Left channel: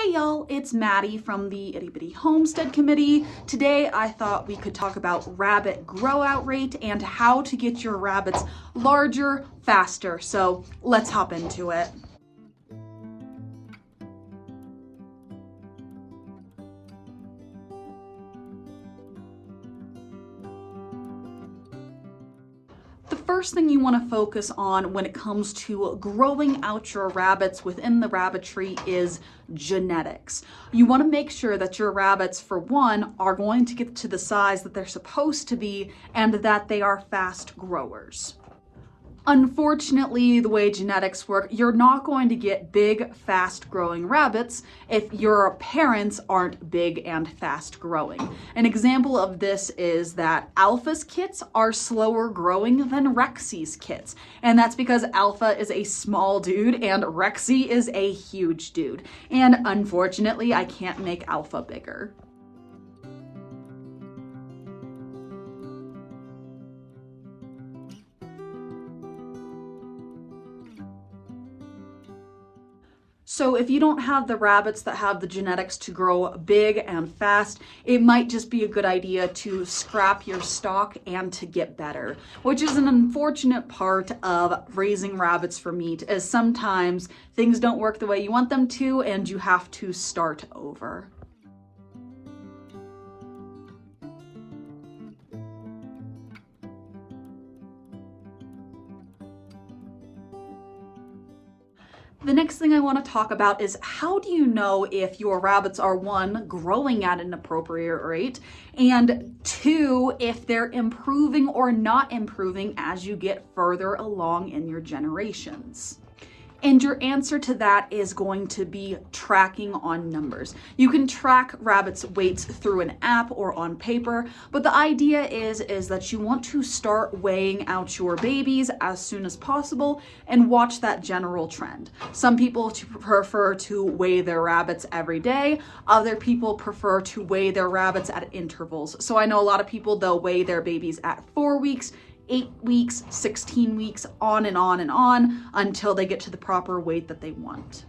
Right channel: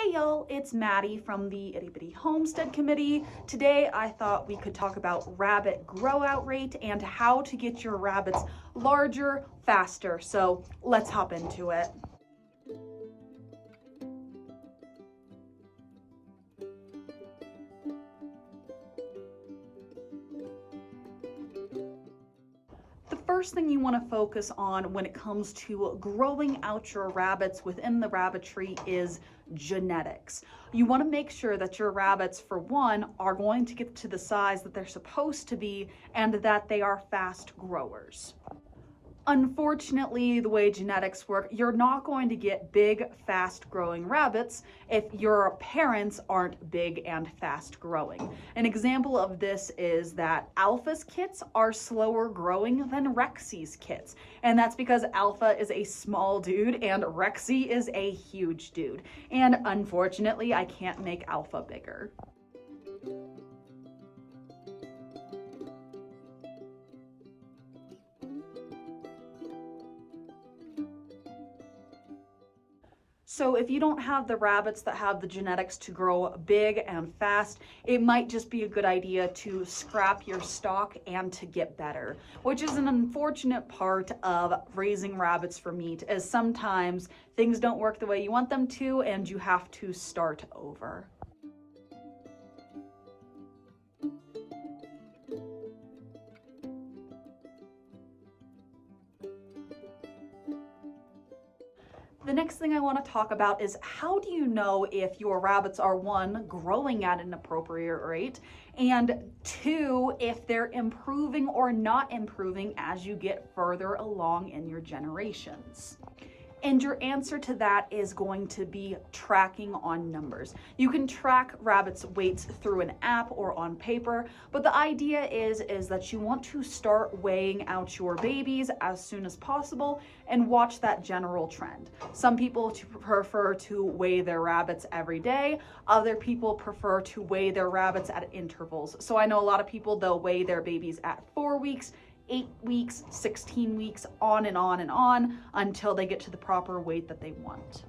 Hey y'all, it's Maddie from the Itty Bitty Homestead Committee. Today I thought we could talk about rabbit grow out rate and how to get your rabbits larger faster. So let's hop into it. The first thing you want to focus on when it comes to growing out your rabbits within the rabbitry is genetics. You want to make sure that your rabbits, for one, are going to get to the size that they're supposed to be and that they are fast growers. Unfortunately, the way genetics work, you're not going to get big, fast-growing rabbits if your parents aren't big and fast-growing. An example of this is that Alpha's kits are slower growing than Rexy's kits, and that's because Alpha is a small dude and Rexy is a huge dude. And unfortunately, I can't make Alpha bigger. So if you don't have the rabbits that have the genetics to grow big and fast, it might just be a good idea to scrap your stock and to get better, which is an unfortunate part of raising rabbits for meat, as sometimes things don't work the way you want them to and you have to start over. The next thing I want to talk about is how do you know if your rabbits are, one, growing at an appropriate rate, and two, if they're improving or not improving as you get further along in your generations. And your answer to that is going to be tracking on numbers. You can track rabbits' weights through an app or on paper, but the idea is that you want to start weighing out your babies as soon as possible and watch that general trend. Some people prefer to weigh their rabbits every day. Other people prefer to weigh their rabbits at intervals. So I know a lot of people, they'll weigh their babies at 4 weeks, 8 weeks, 16 weeks, on and on and on until they get to the proper weight that they want.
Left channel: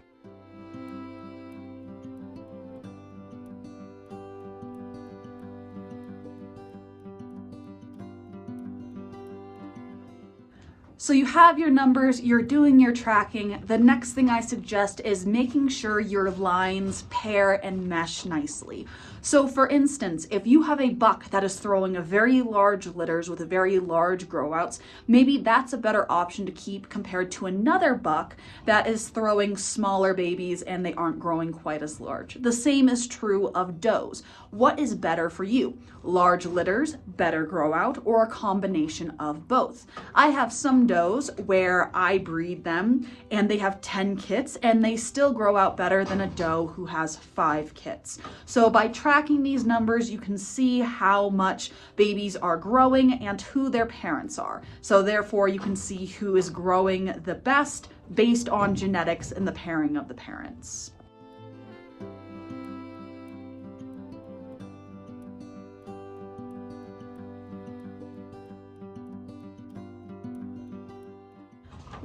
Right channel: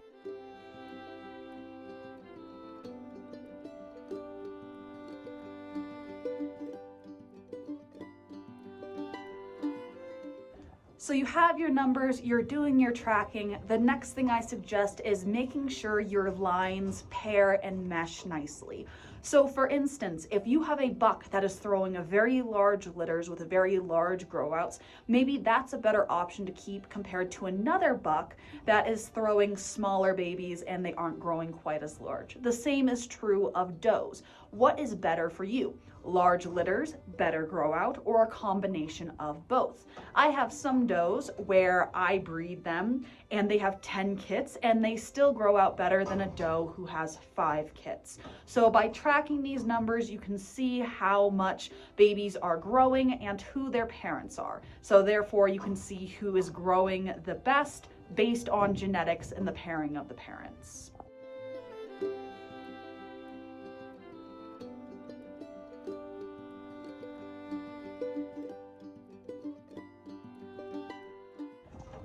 So you have your numbers, you're doing your tracking. The next thing I suggest is making sure your lines pair and mesh nicely. So for instance, if you have a buck that is throwing a very large litters with a very large grow outs, maybe that's a better option to keep compared to another buck that is throwing smaller babies and they aren't growing quite as large. The same is true of does. What is better for you? Large litters, better grow out, or a combination of both? I have some does where I breed them and they have 10 kits and they still grow out better than a doe who has 5 kits. So by tracking these numbers, you can see how much babies are growing and who their parents are. So therefore you can see who is growing the best based on genetics and the pairing of the parents.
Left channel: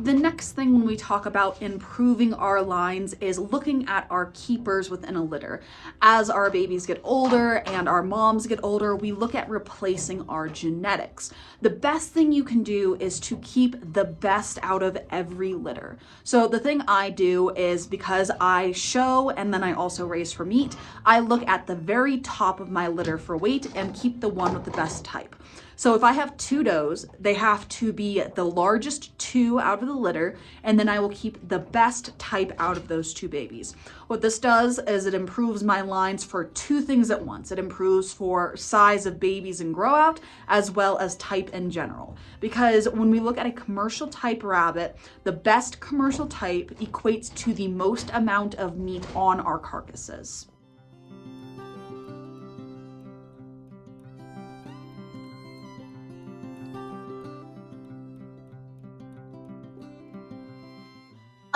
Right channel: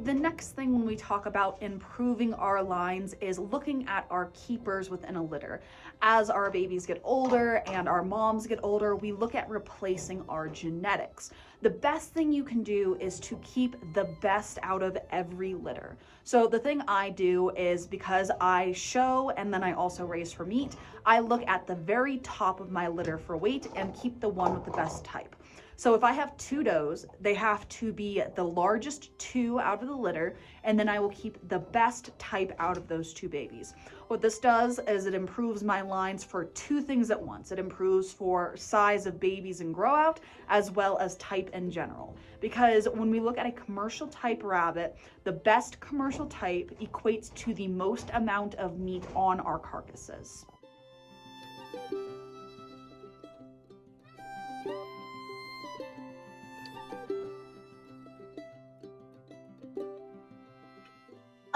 The next thing when we talk about improving our lines is looking at our keepers within a litter. As our babies get older and our moms get older, we look at replacing our genetics. The best thing you can do is to keep the best out of every litter. So the thing I do is, because I show and then I also raise for meat, I look at the very top of my litter for weight and keep the one with the best type. So if I have 2 does, they have to be the largest 2 out of the litter, and then I will keep the best type out of those 2 babies. What this does is it improves my lines for 2 things at once. It improves for size of babies and grow out, as well as type in general. Because when we look at a commercial type rabbit, the best commercial type equates to the most amount of meat on our carcasses.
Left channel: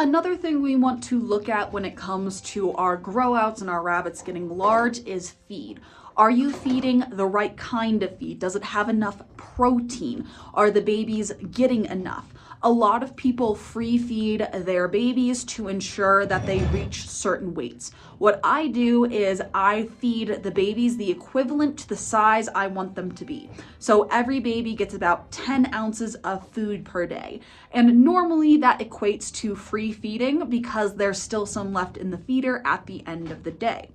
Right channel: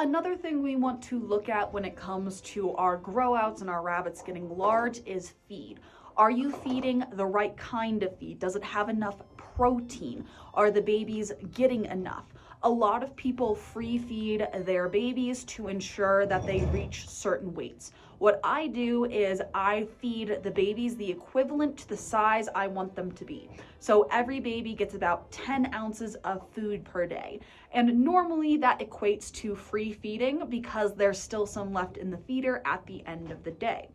Another thing we want to look at when it comes to our grow outs and our rabbits getting large is feed. Are you feeding the right kind of feed? Does it have enough protein? Are the babies getting enough? A lot of people free feed their babies to ensure that they reach certain weights. What I do is I feed the babies the equivalent to the size I want them to be. So every baby gets about 10 ounces of food per day. And normally that equates to free feeding because there's still some left in the feeder at the end of the day.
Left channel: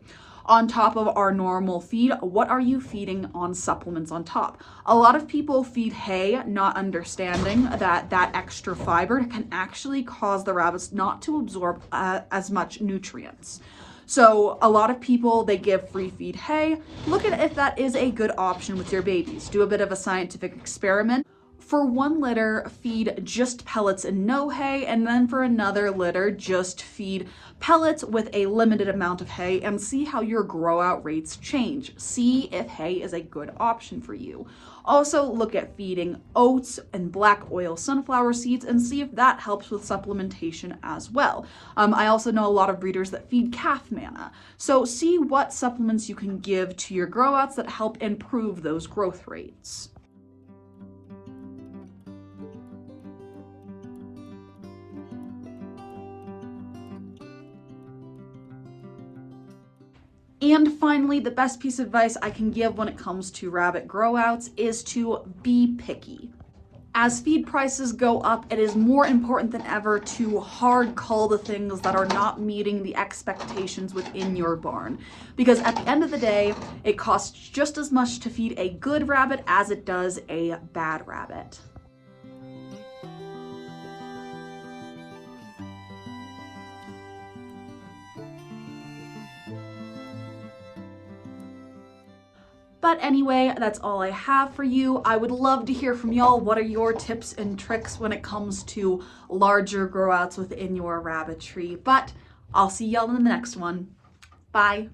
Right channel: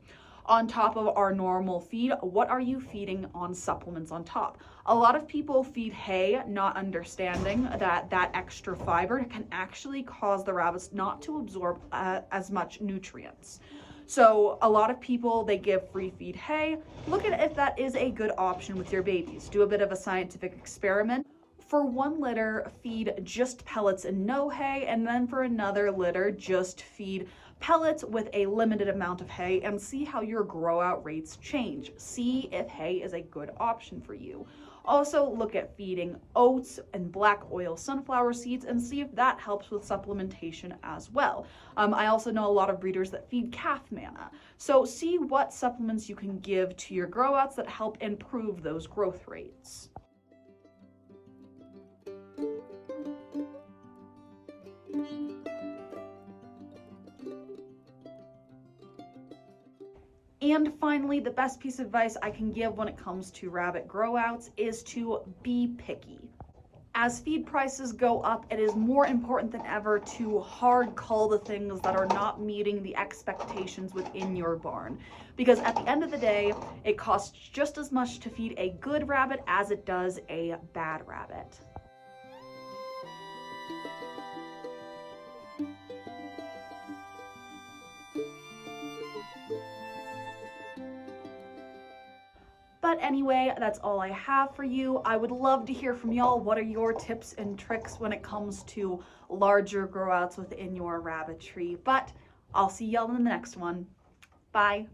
On top of our normal feed, what are you feeding on supplements on top? A lot of people feed hay, not understanding that that extra fiber can actually cause the rabbits not to absorb as much nutrients. So a lot of people, they give free feed hay. Look at if that is a good option with your babies. Do a bit of a scientific experiment. For one litter, feed just pellets and no hay, and then for another litter, just feed pellets with a limited amount of hay and see how your grow out rates change. See if hay is a good option for you. Also look at feeding oats and black oil sunflower seeds and see if that helps with supplementation as well. I also know a lot of breeders that feed calf manna. So see what supplements you can give to your grow outs that help improve those growth rates. And finally, the best piece of advice I can give when it comes to rabbit growouts is to be picky. As feed prices go up, it is more important than ever to hard cull the things that are not meeting the expectations within your barn. Because at the end of the day, it costs just as much to feed a good rabbit as it does a bad rabbit. But anyway, that's all I have for you. I would love to hear from y'all. What are your tips and tricks when it comes to larger growouts within your rabbitry? But I'll see y'all in the next one. Bye.